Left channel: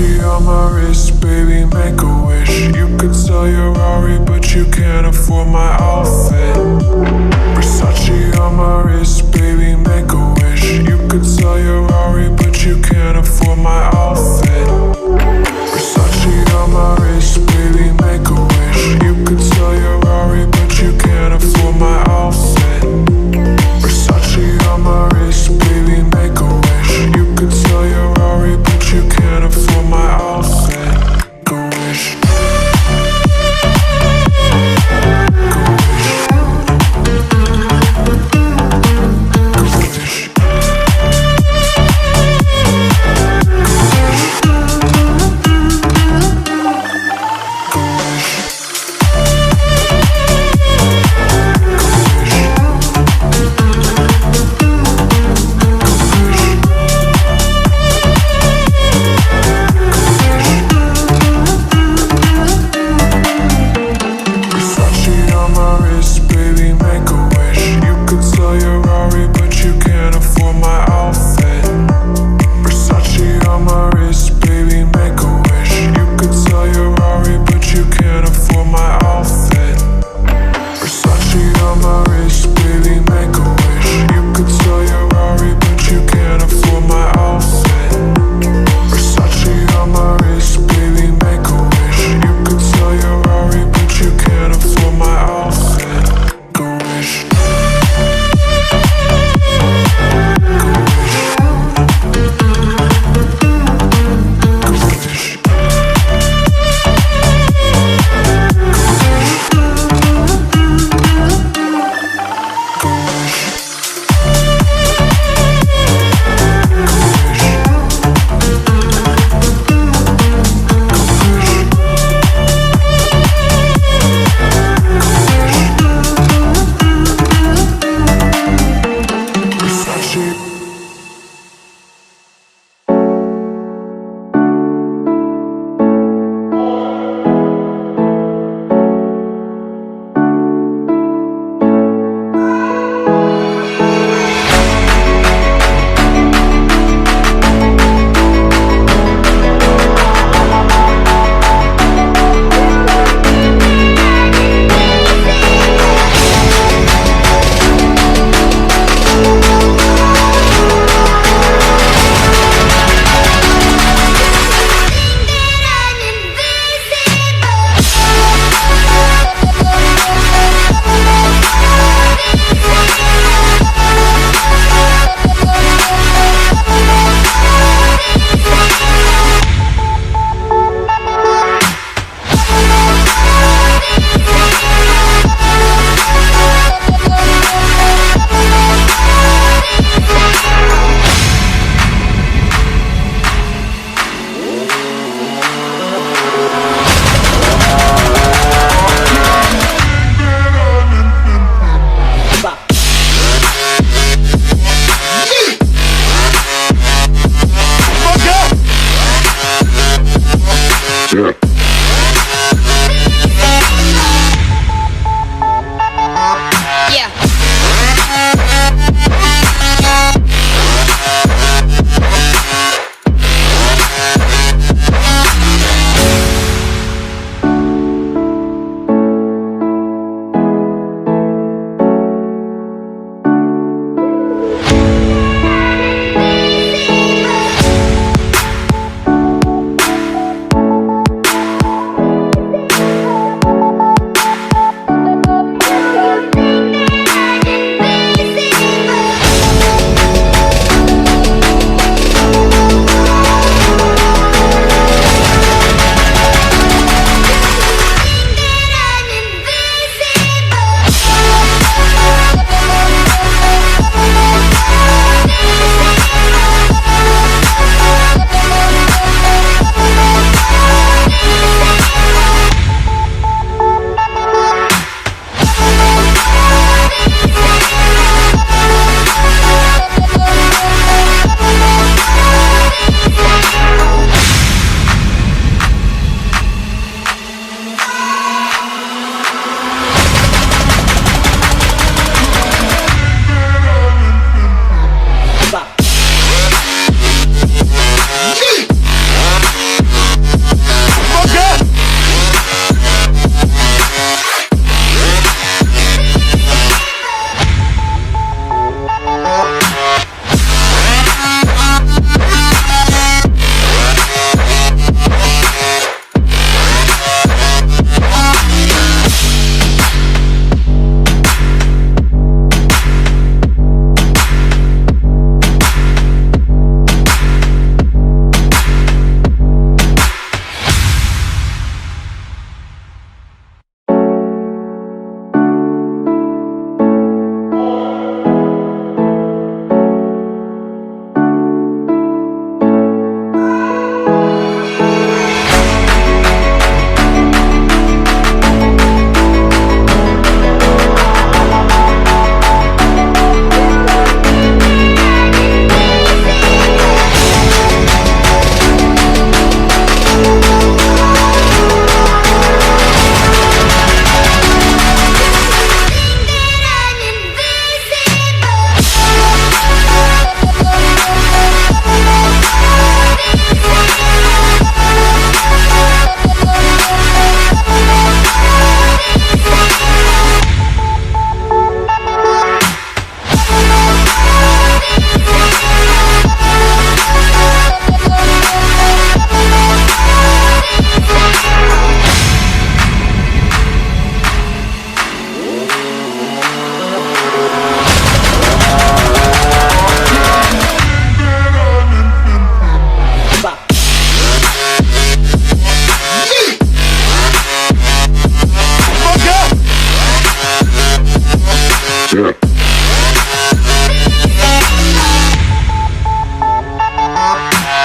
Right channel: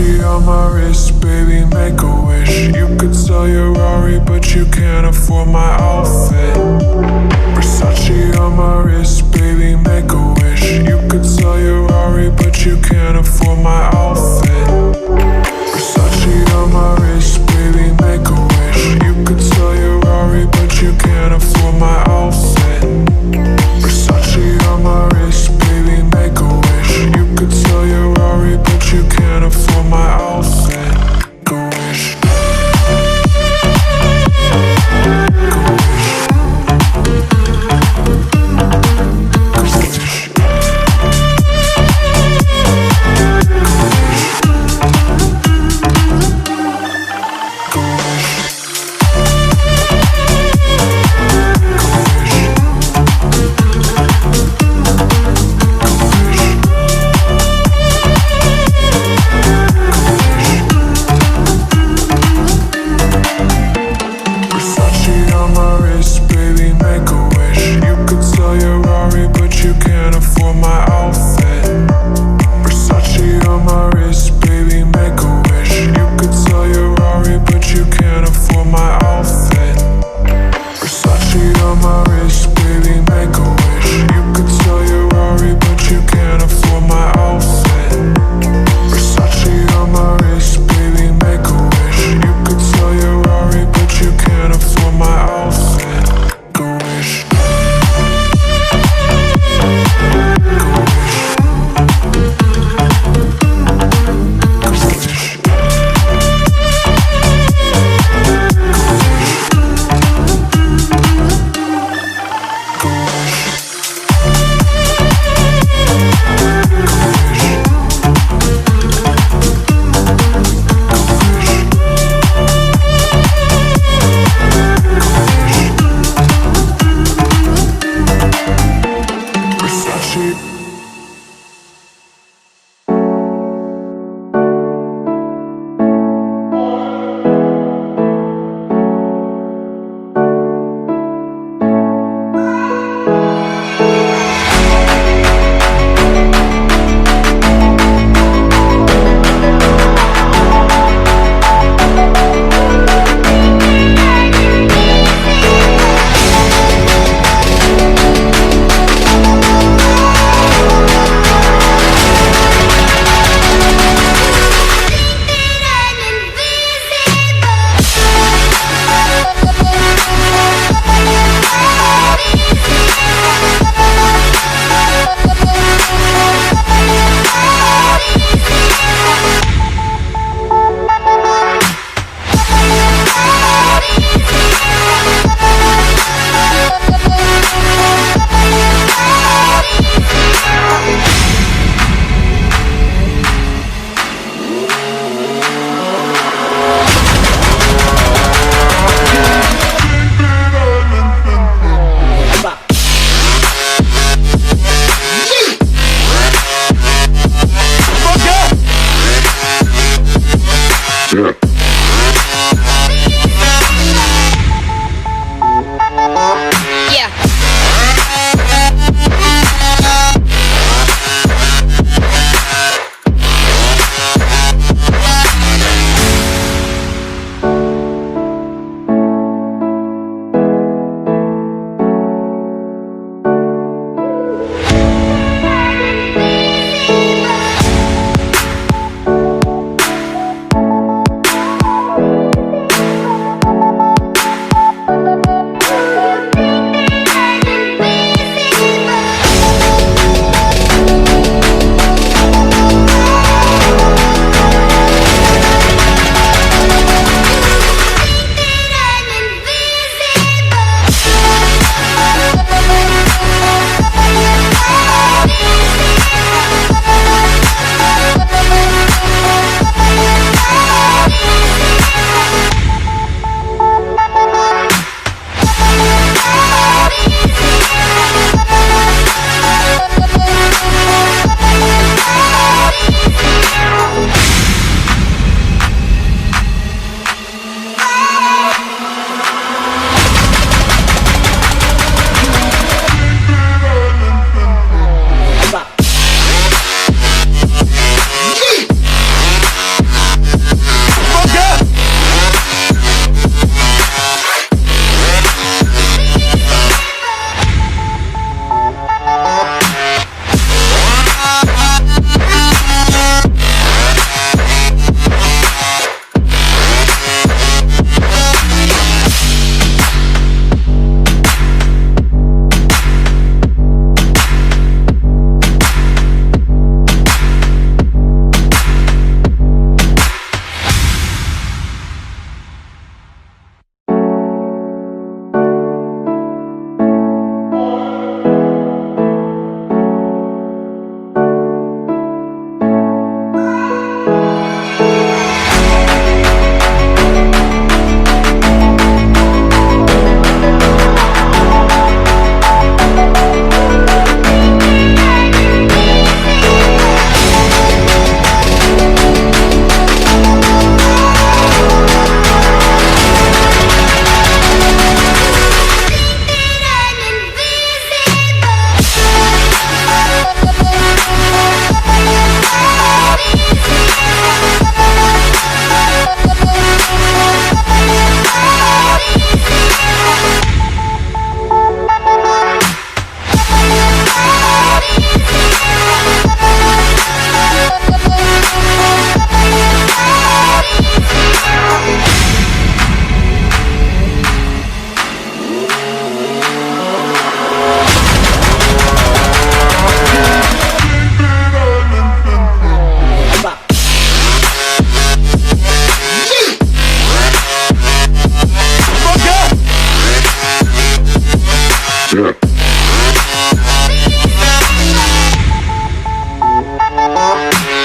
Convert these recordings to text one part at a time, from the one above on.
Versace on my wrist, baby, make a wish. You could sell your Rari, but you can't afford my outfit. Versace on my wrist, baby, make a wish. You could sell your Rari, but you can't afford my outfit. Versace on my wrist, baby, make a wish. You could sell your Rari, but you can't afford my outfit. Versace on my wrist, baby, make a wish. You could sell your Rari, but you can't afford my outfit. Make a wish. Make a wish.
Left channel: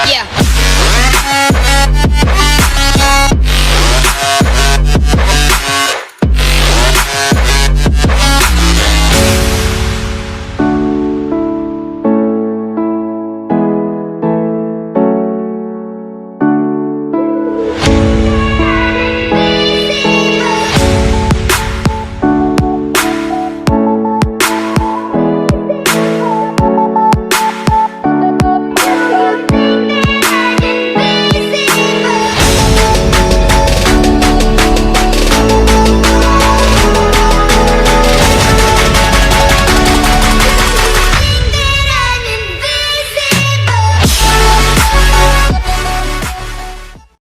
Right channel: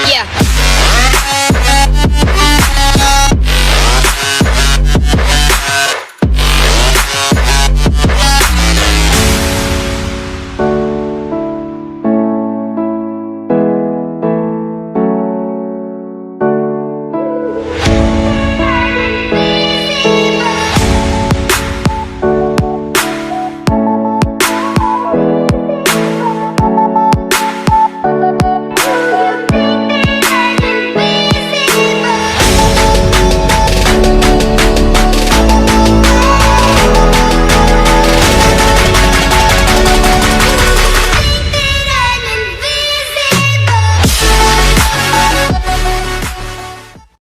Yeah.